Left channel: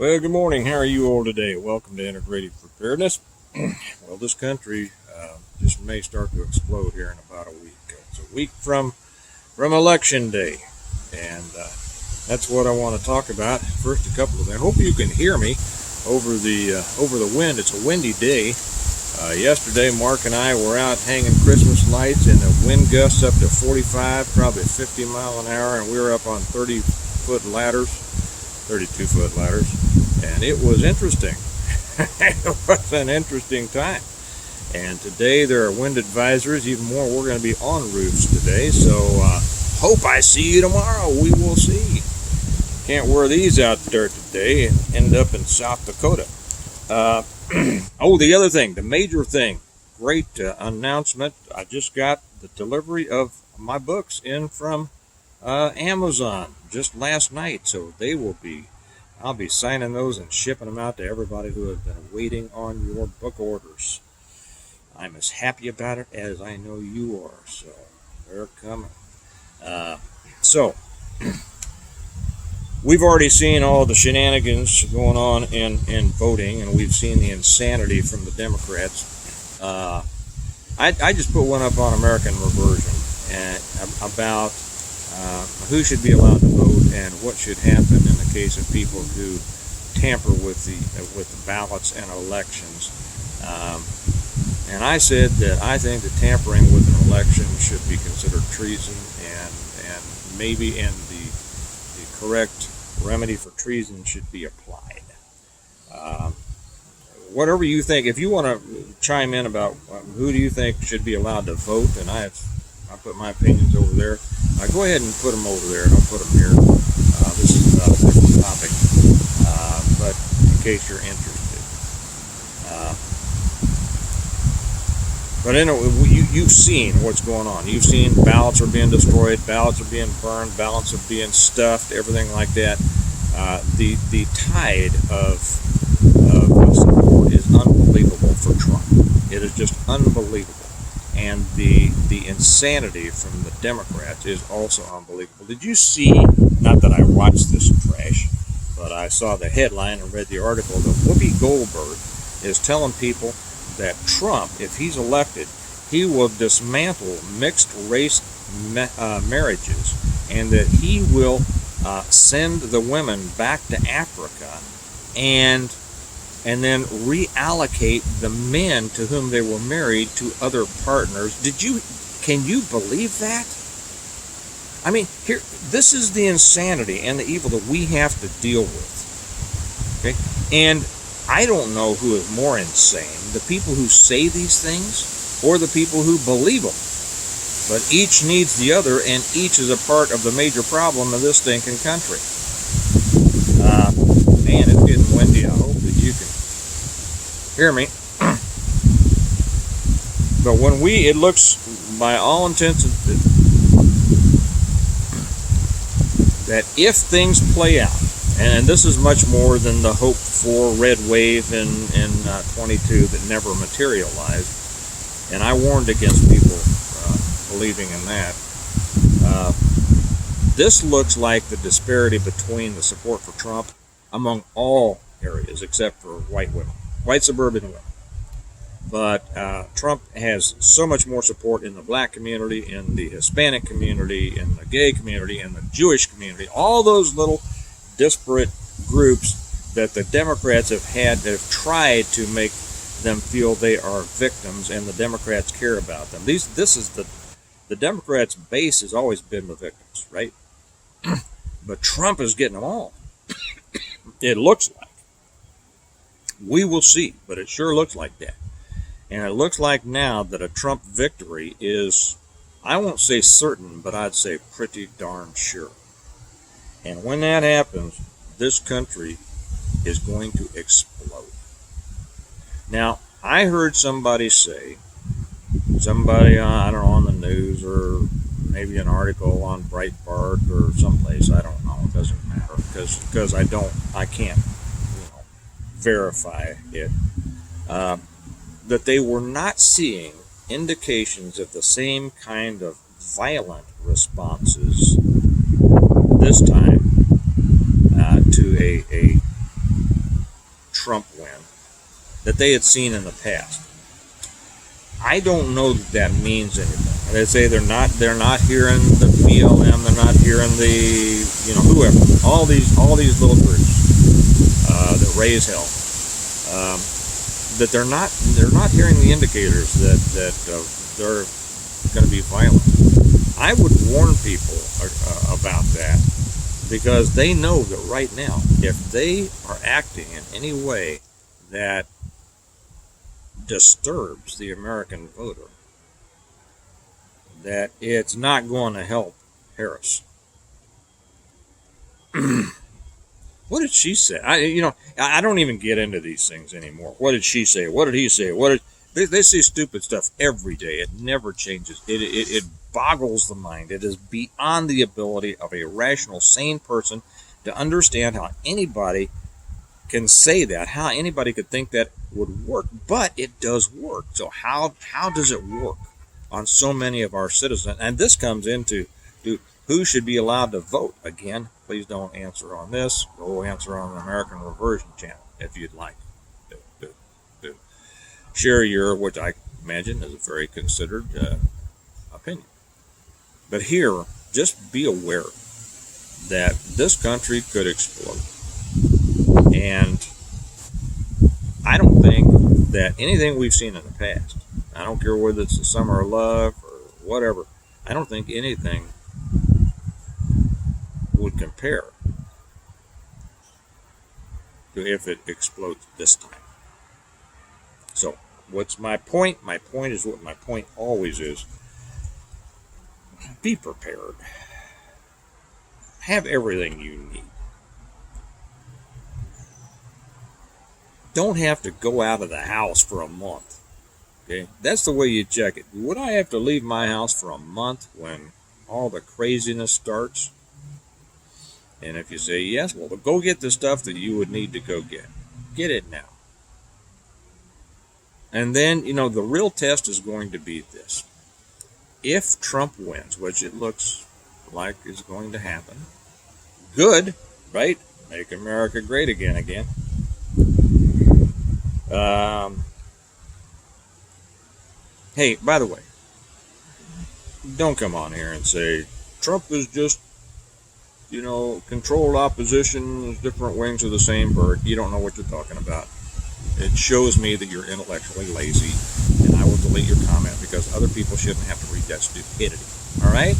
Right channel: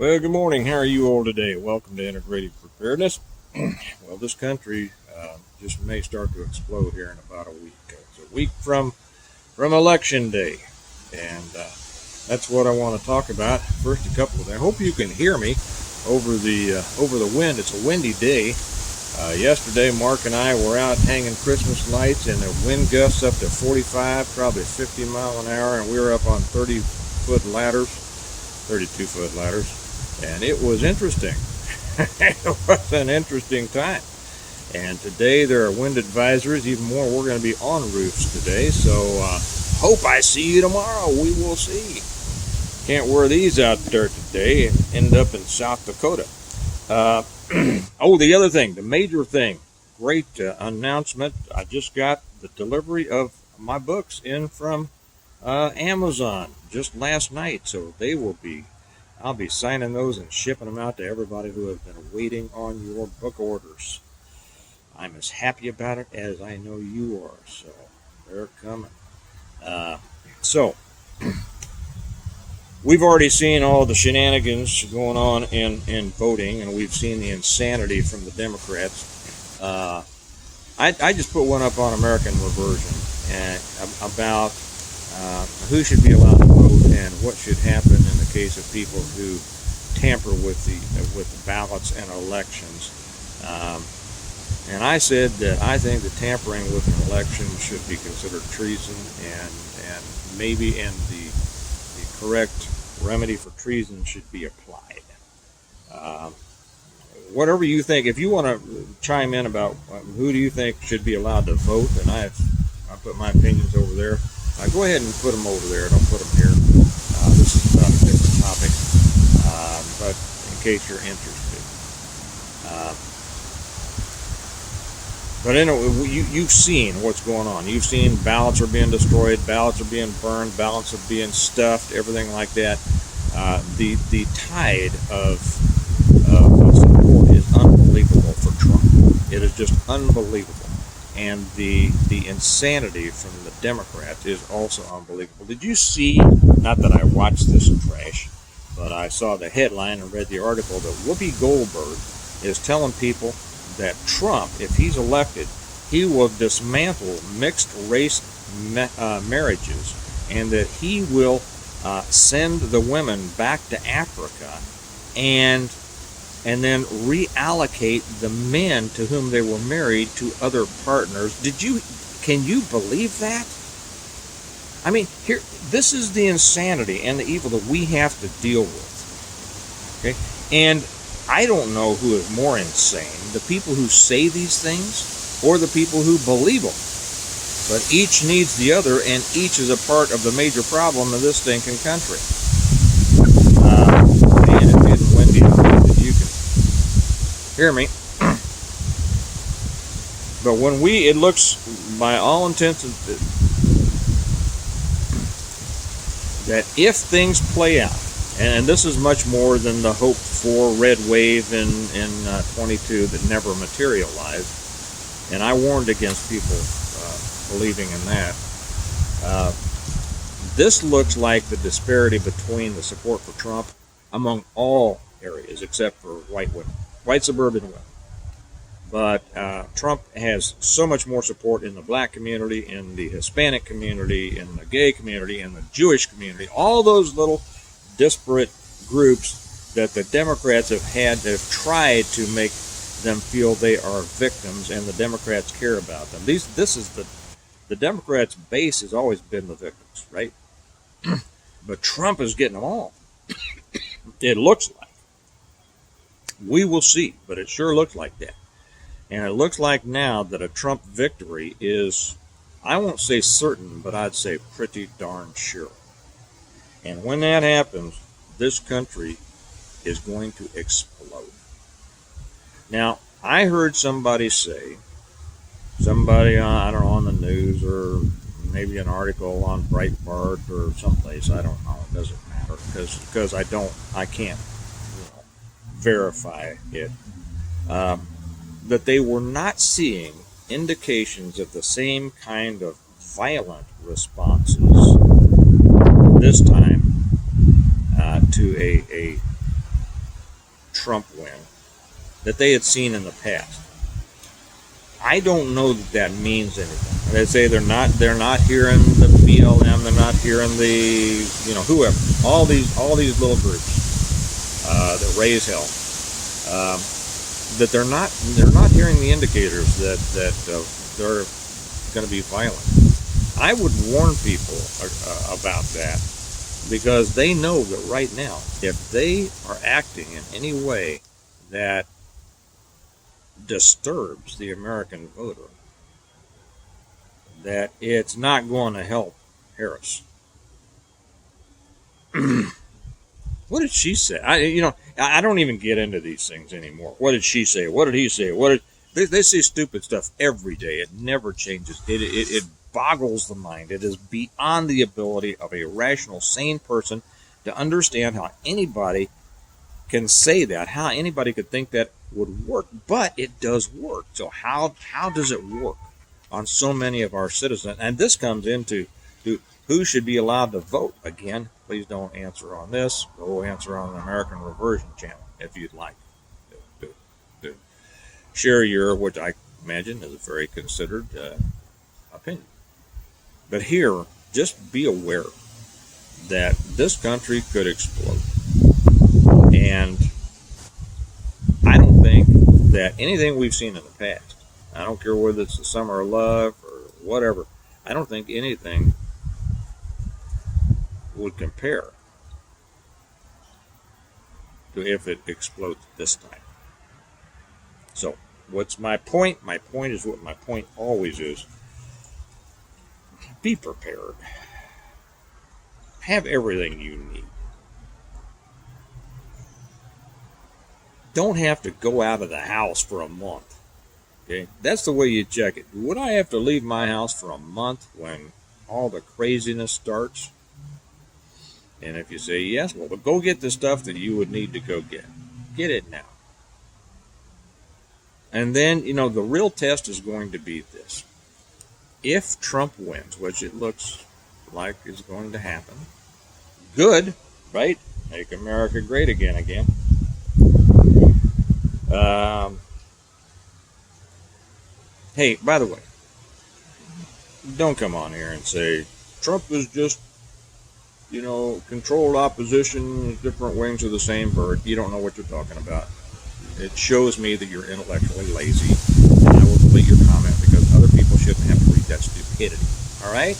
Well, good morning. How are you all today? Welcome to Integrated Preparedness. Well, this country just may start to explode here in about a week. It's a week from Election Day, and that's what I want to talk about. First, a couple of things. I hope you can hear me over the wind. It's a windy day. Yesterday, Mark and I were out hanging Christmas lights, and the wind gusts up to 45, probably 50 mile an hour, and we were up on 30-foot ladders. 32-foot ladders, and it was interesting. It was an interesting time. And today there are wind advisories, even more. We're going to be on roofs today, so hope I see you tomorrow. We will see. Can't wear these out there today and end up in South Dakota. Oh, the other thing, the major thing, great announcement. I just got the delivery of my books in from Amazon just last night, so I'll be signing those and shipping them out to everybody who has been waiting on your book orders. I'm as happy about it as I know you are, so they're coming. So we've already seen all the shenanigans going on in voting, and we've seen the insanity from the Democrats. I just put one up on American Reversion about who should be allowed to vote and what should happen in the case of people who tamper with the ballots and elections. And I said that I think that tampering with an election should be considered treason, and maybe the correct remedy for treason should be applied. Whatever you think, if you want to chime in about who do you think should be allowed to vote, and I put my opinions over there. Go ahead and put them over there. Don't put them here. This is about a different topic, but in case you're interested. But anyway, you've seen what's going on. You've seen ballots are being destroyed, ballots are being burned, ballots are being stuffed, everything like that. The tide of support is unbelievable for Trump. It is just unbelievable. And the insanity from the Democrats is also unbelievable. Did you see, not that I watched this trash, but I saw the headline and read the article that Whoopi Goldberg is telling people that Trump, if he's elected, he will dismantle mixed race marriages, and that he will send the women back to Africa and then reallocate the men to whom they were married to other partners. Can you believe that? I mean, this is the insanity and the evil that we have to deal with. Okay? And I don't know who is more insane, the people who say these things or the people who believe them. But each needs the other, and each is a part of the major problem of this stinking country. Man, it's getting windy out there that you can hear me. But it looks, by all intents, that if things play out, and this is much more than the hope for red wave in 22 that never materialized, and I warned against people believing in that. This looks like the disparity between the support for Trump among all areas except for white women, white suburban women. But Trump has so much more support in the black community, in the Hispanic community, in the gay community, in the Jewish community, all those little disparate groups that the Democrats have tried to make them feel they are victims, and the Democrats care about them. This is the Democrats' base has always been the victims, right? But Trump is getting them all. It looks like. We will see, but it sure looks like that. And it looks like now that a Trump victory is, I won't say certain, but I'd say pretty darn sure. And when that happens, this country is going to explode. Now, I heard somebody say, I don't know, on the news or maybe an article on Breitbart or someplace, I don't know, it doesn't matter, because I can't verify it, that they were not seeing indications of the same kind of violent responses this time to a Trump win that they had seen in the past. I don't know that means anything. They say they're not hearing the BLM, they're not hearing the whoever, all these little groups that raise hell. That they're not hearing the indicators that they're going to be violent. I would warn people about that, because they know that right now, if they are acting in any way that disturbs the American voter, that it's not going to help Harris. What did she say? I don't even get into these things anymore. What did she say? What did he say? They say stupid stuff every day. It never changes. It boggles the mind. It is beyond the ability of a rational, sane person to understand how anybody can say that, how anybody could think that would work. But it does work. So how does it work on so many of our citizens? And this comes into who should be allowed to vote. Again, please don't answer on this. Go answer on the American Reversion channel if you'd like. Share your, which I imagine is a very considered opinion. But here, just be aware that this country could explode. And I don't think that anything we've seen in the past, I don't care whether it's the Summer of Love or whatever, I don't think anything would compare to if it explodes this time. So, what's my point? My point is what my point always is. Be prepared. Have everything you need. Don't have to go out of the house for a month. Okay? That's the way you check it. Would I have to leave my house for a month when all the craziness starts? And if you say yes, well, but go get the stuff that you would need to go get. Get it now. And then, the real test is going to be this. If Trump wins, which it looks like is going to happen, good, right? Make America great again. Hey, by the way, don't come on here and say Trump is just, controlled opposition, different wings of the same bird. You don't know what you're talking about. It shows me that you're intellectually lazy, and I will delete your comment because other people shouldn't have to read that stupidity. All right?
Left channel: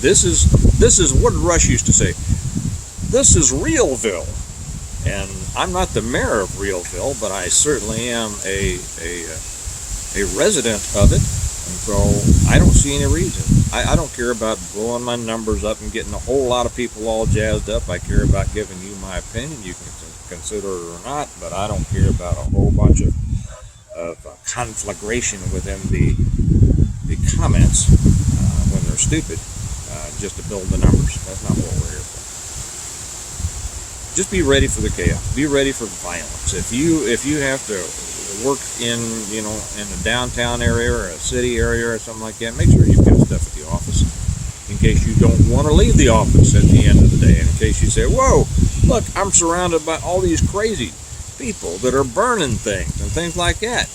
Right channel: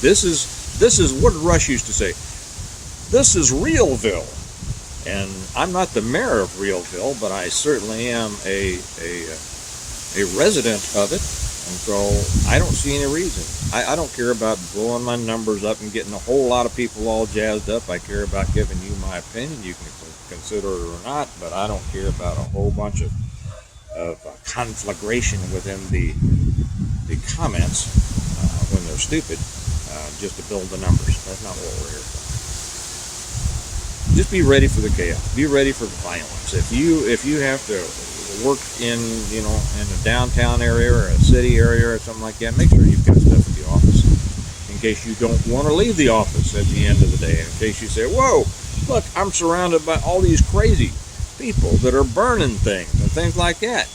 This is what Rush used to say. This is Realville, and I'm not the mayor of Realville, but I certainly am a resident of it. And so I don't see any reason. I don't care about blowing my numbers up and getting a whole lot of people all jazzed up. I care about giving you my opinion. You can consider it or not, but I don't care about a whole bunch of conflagration within the comments when they're stupid, just to build the numbers. That's not what we're here for. Just be ready for the chaos. Be ready for violence. If you have to work in a downtown area or a city area or something like that, make sure you've got stuff at the office in case you don't want to leave the office at the end of the day. And in case you say, whoa, look, I'm surrounded by all these crazy people that are burning things and things like that.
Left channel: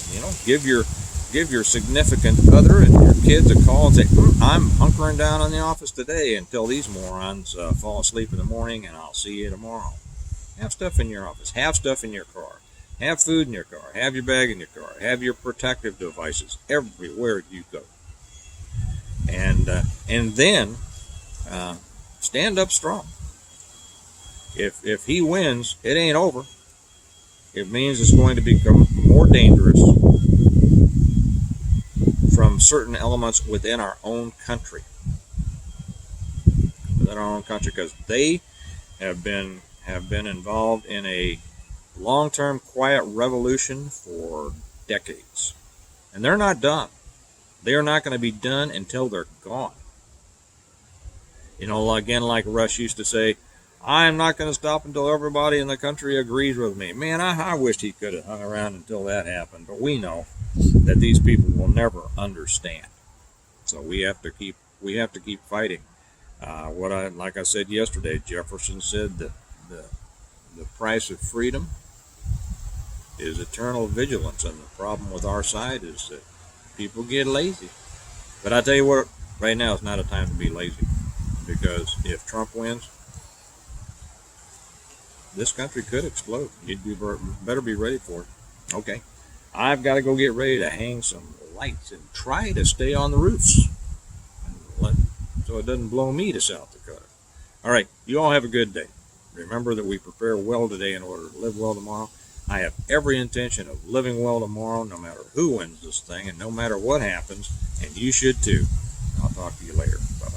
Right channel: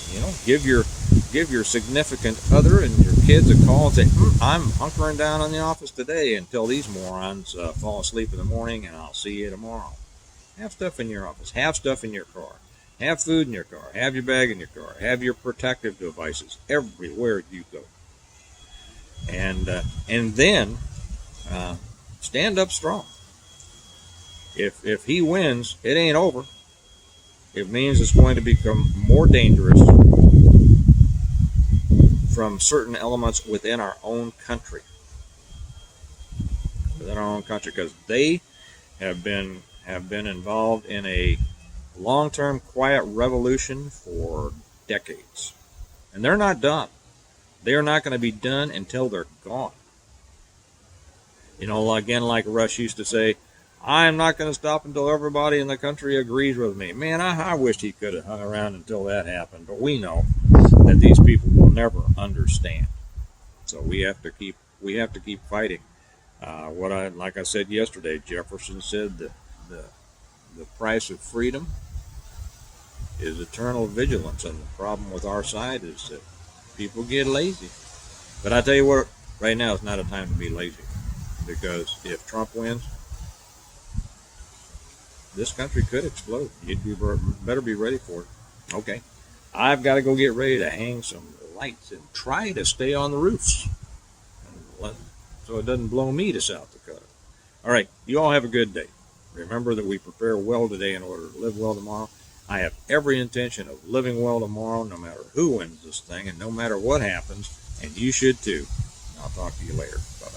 Give your significant other and your kids a call and say, I'm hunkering down in the office today until these morons fall asleep in the morning, and I'll see you tomorrow. Have stuff in your office. Have stuff in your car. Have food in your car. Have your bag in your car. Have your protective devices everywhere you go. And then stand up strong. If he wins, it ain't over. It means it's going to become more dangerous from certain elements within our own country. Because they have been involved in a long-term quiet revolution for decades. And they're not done. They are not going to be done until they're gone. Again, like Rush used to say, I'm not going to stop until everybody in the country agrees with me. Man, I wished he could have hung around until that happened. But we know that these people will never understand. So we have to keep fighting. Like I said yesterday, Jefferson said that the price of freedom is eternal vigilance. And the problem with our side is that people get lazy. But I tell you what, right now is not a time to be lazy, because if Trump wins, this country could explode. You'd better be ready for it. Okay, I've got to go get ready to hang some lights and try to stay on the roofs, so it doesn't blow me to South Dakota. All right, you all have a good day. Remember that we prepare well today in order to live well tomorrow. I have every intention of living well tomorrow, no matter who wins this thing and no matter what happens, and you should too. I'll talk to you later. Bye-bye.